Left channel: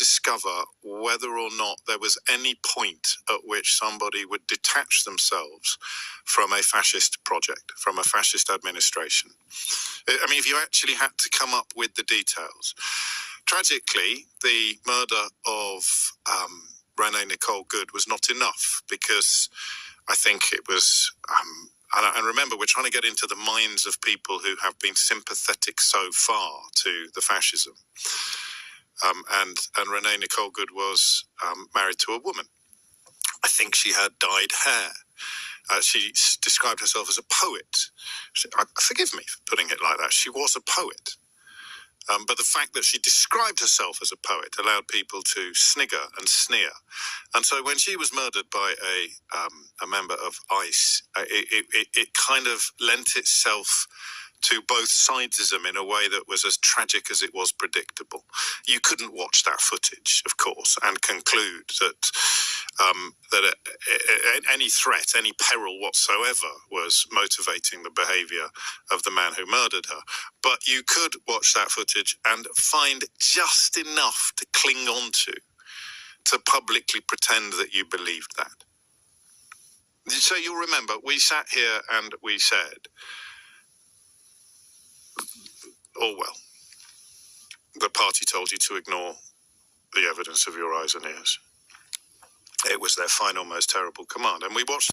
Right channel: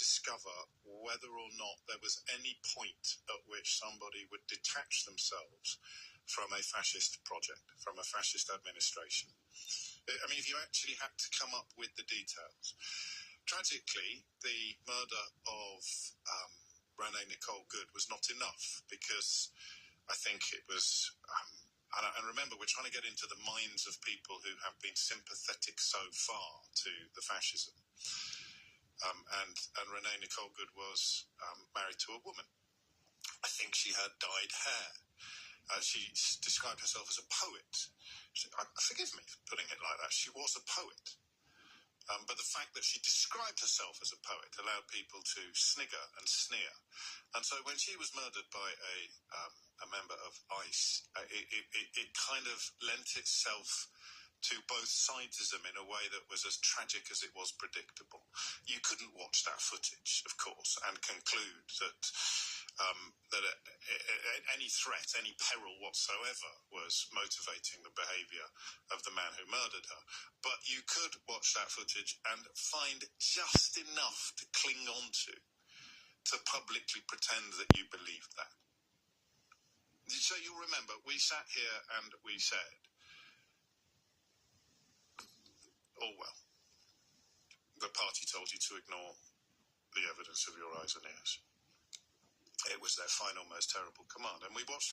discover whether or not there was any point at which somebody would detach themselves from a fascist project, from a fascist administration. I mean, if you actually had to come up with the details. Tragically, the murder of Renee Nicole Good was not enough, because I think it was... and remember, we're trying to get into the minds of people who have been sympathetic so far to the fascism. And Renee Nicole Good was married to a woman. I think she had dyed hair. She described herself as a poet. Forgive me for putting it like that. She was a poet. But the fact that she described herself as a poet allowed people to snigger and sneer. And so when she was murdered by a member of ICE, it kind of lent itself to both sidesism in a way that was as tragic as it was predictable. You couldn't watch that footage, of course, and conclude that any threat, any peril whatsoever was motivating the behavior of the man who murdered her. But you could watch that footage and find just enough to cling on to publicly pretend that you believed that. So you'll remember, we sat here and we said, oh well, the party told you to ignore the evidence of your eyes and ears. It was their final, most terrible command. And we watched